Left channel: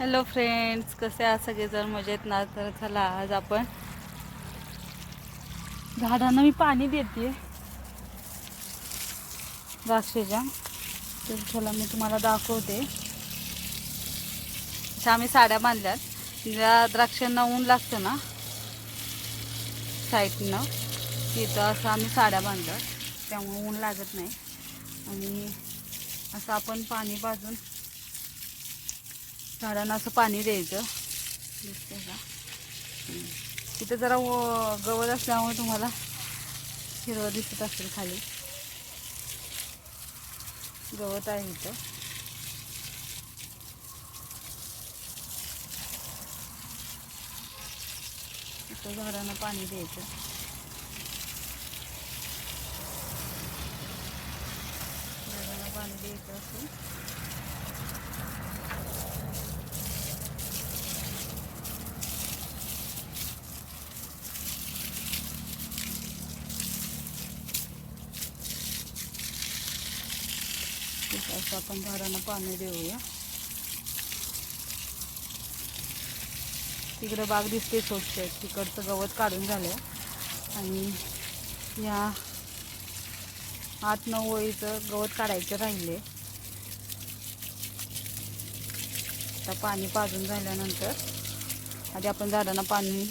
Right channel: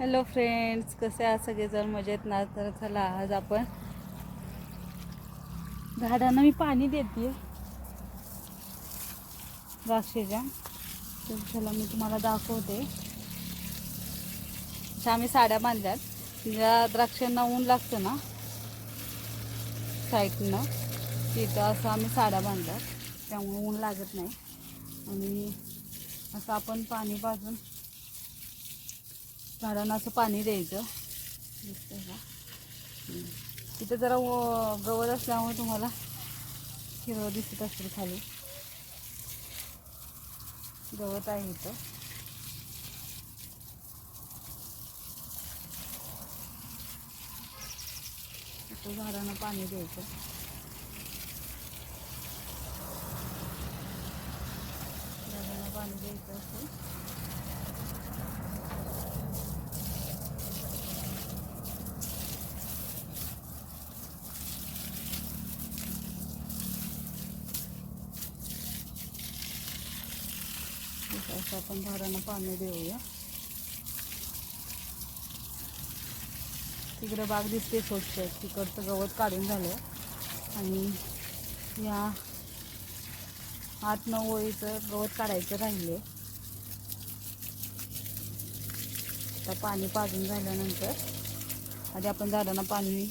Hello friends कसे आहात सगळेजण? मजेत ना? तर चला आज आपण झाडांना मी पाणी देते. द्राक्षेच्या. तर चला मी तुम्हाला दाखवते. अशा आम्ही साड्या बांधल्यात. ज्या द्राक्षांना ऊन लागतं ना? साईडनं. तिथं असं आम्ही साड्या बांधल्यात. त्यामुळे ऊन लागत नाही. आणि असं आपण पाणी पाजून झाडांना असं पाणी द्यायचं. दिसतंय का. तिथं जरा व- गवत असल्यामुळे तुम्हाला हिरवं दिसत असेल खाली. गवत आहे इथं. इथं झाडांना पाणी द्यायचं. झाडांना पाणी द्यायचं असं असं आपण झाडांना पाणी देऊया. तिकडं बाग दिसते स्वच्छ तिकडचं गवत काढून झालं आणि या आठ नऊ ओळीचं गवत काढायचं राहिले आता पाणी पाजून झाल्यानंतर आधी आपण झाडांना पाणी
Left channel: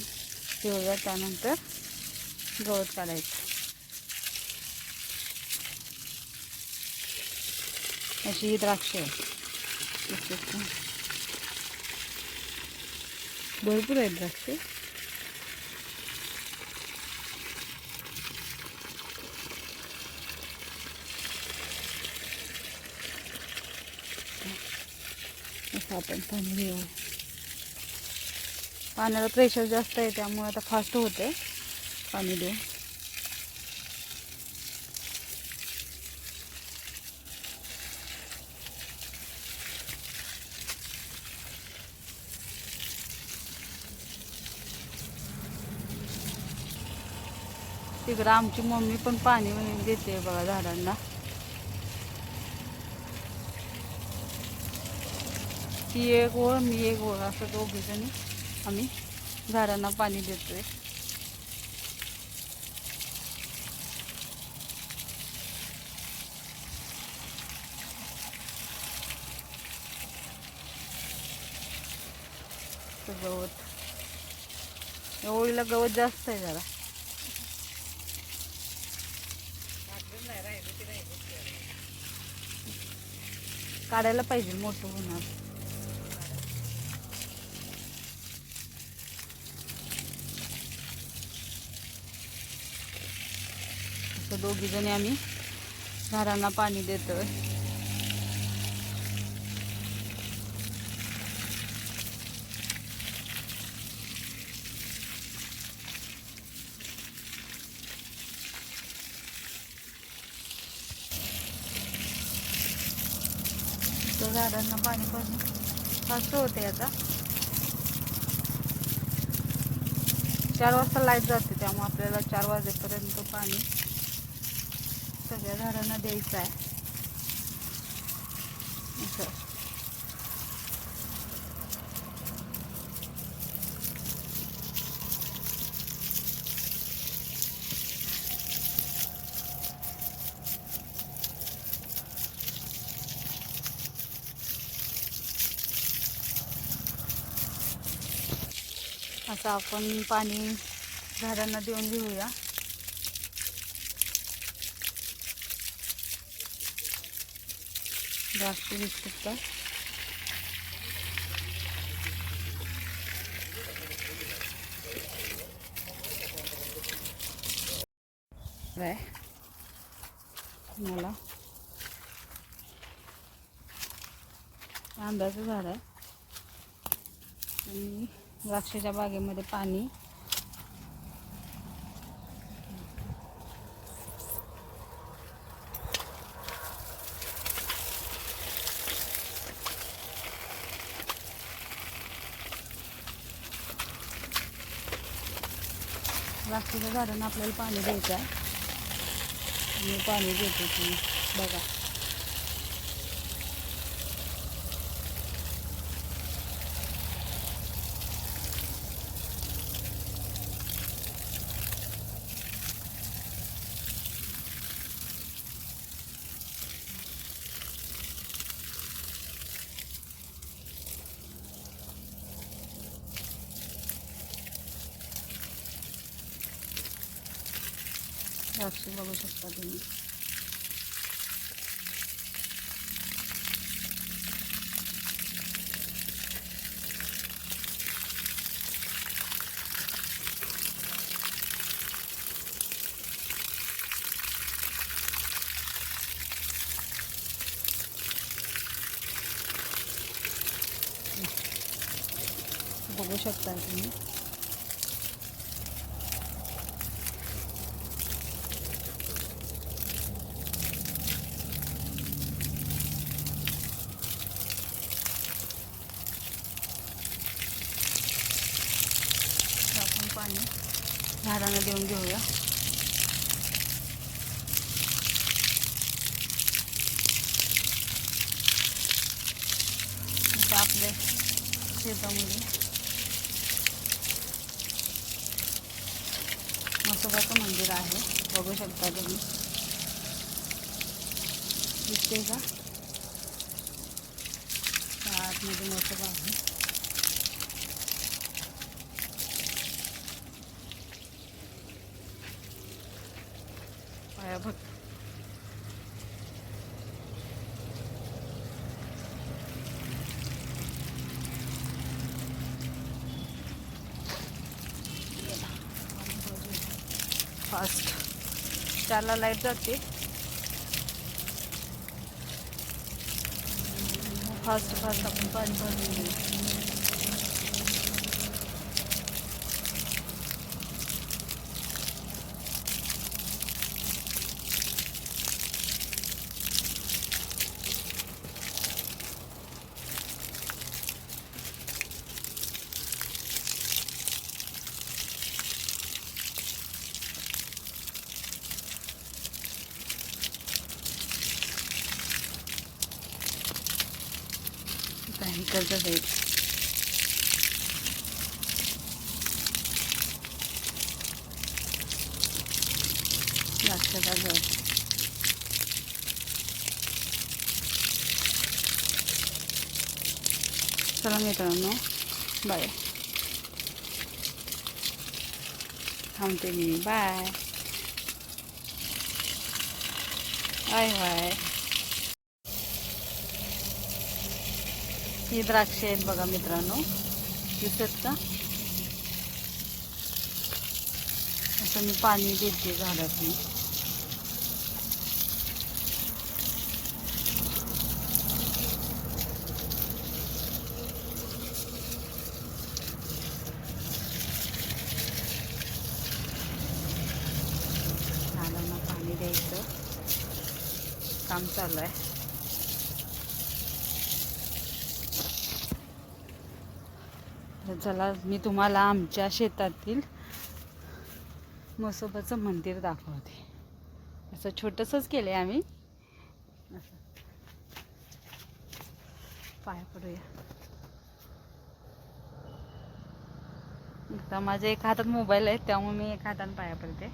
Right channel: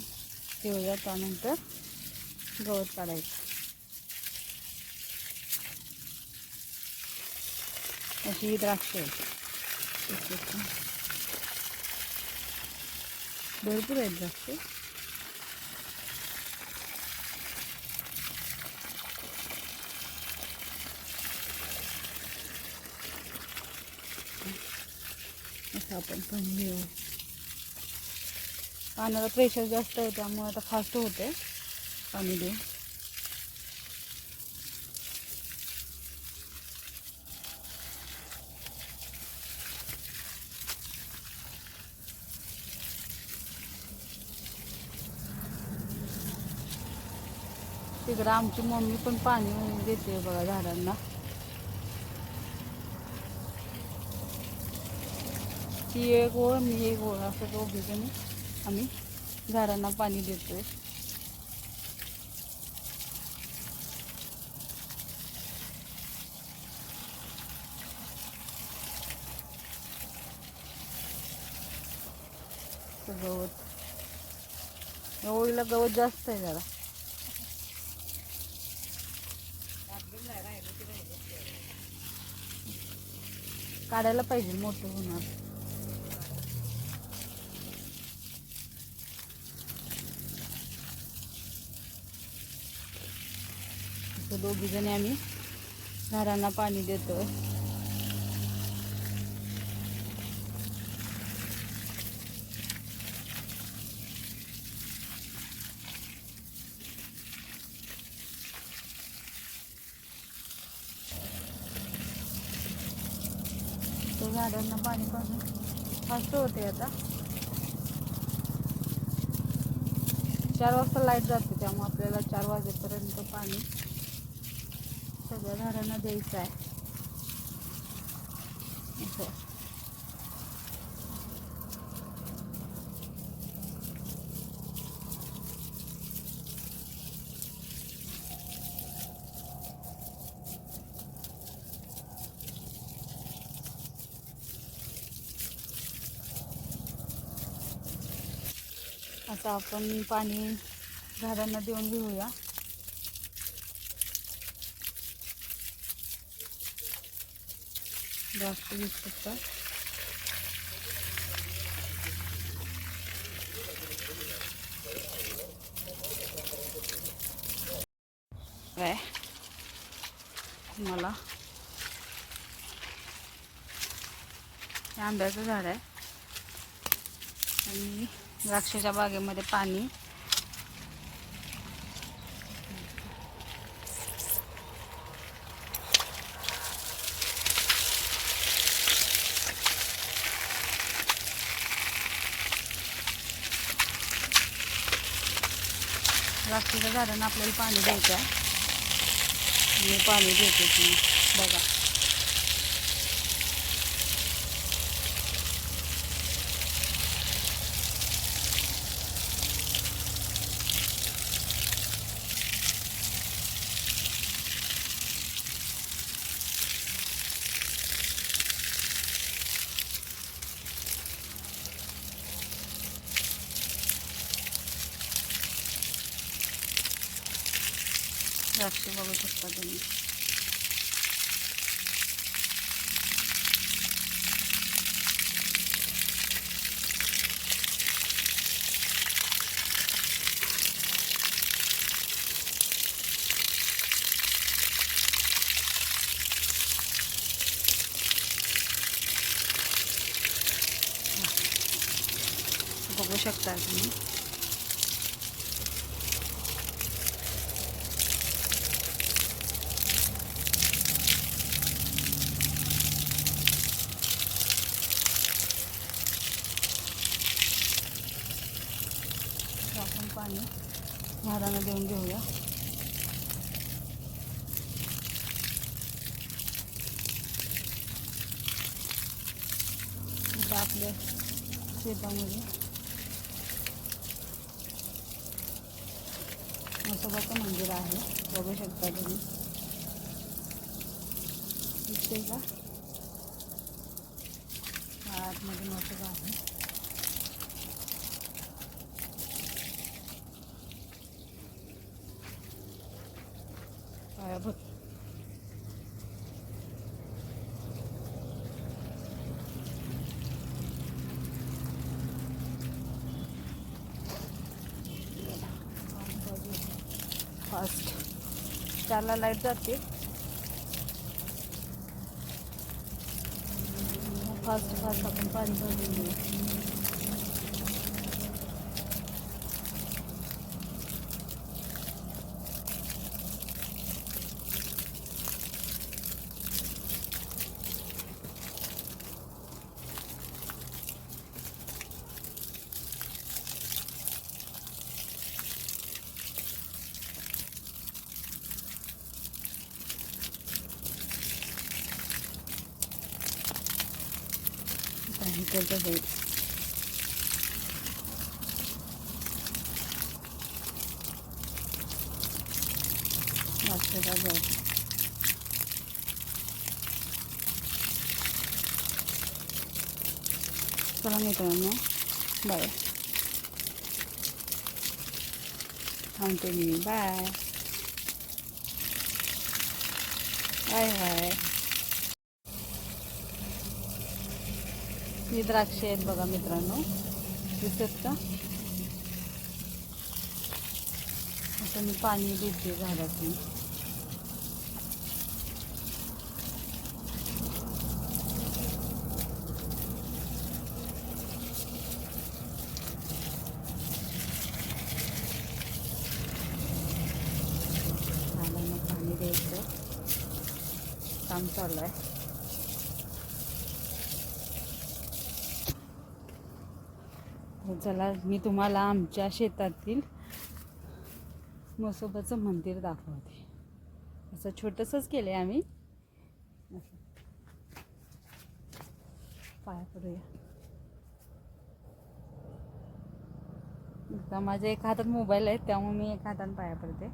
देऊया. त्यानंतर गवत काढायचं. अशी द्राक्ष भरपूर आहेत द्राक्ष असं आपण पाणी देऊ पाण्याला प्रेशर जास्त आहे त्यामुळे आता फास्ट होते पाणी देऊन तिकडं आमची मम्मी पण पाणी देते बघा झाडांना. ती एक ओळ मी एक ओळ असं दोघी जणी आम्ही झाडांना पाणी देतोय. गवत. ओळीला गवत जास्त आहे जरा. काढायला पाहिजे मोठं होणार. दोघी जणी आम्ही झाडांना पाणी देतोय. तर झाडांना पाणी पाणी फास्ट होते आता. चार वाजता लाइट जाते त्यामुळे आपल्याला चार वाजेपर्यंत पाणी सगळ्या झाडांना द्यायचं आहे. असं. असं आपण पाणी झाडांना देऊन घेऊया. जास्त दिसतात काय मला आंब्याचं झाड आहे. आणि द्राक्षाच्या बागेमध्ये पाणी. द्राक्षाच्या झाडांना आपल्याला पाणी द्यायचं आहे. मी पाणी देते की बघा. द्राक्ष बघू शकता तुम्ही बघू शकता तुम्ही तर आपण पाणी झाडांना देऊन घेऊया इथं आपल्या शेतामध्ये म्हसोबाचं मंदिर आहे बघू शकता तुम्ही दिसते का या आतमध्ये म्हसोबा आहे पाया बघ फास्ट चारला लाइट जाते. फास्ट फास्ट आपण पाणी भरून आता इकडचं साईड द्राक्षाचा गड चला मित्रांनो बाय थांबते मी बाय बाय बाय ही द्राक्षे आहेत बघा मित्रांनो. दिसत का? असं मी पाणी देते झाडातून. झाडांना पाणी द्यायचं. काम चालू आहे. तर चला मी तुम्हाला आमच्या शेतातील म्हसोबाचं मंदिर दाखवते. असं छोटंसंच केलं आहे आम्ही. असं पाया पडूया. आता माझ्या एका हातात मोबाईल आहे त्यामुळे मी एका हाताने पाया पडते.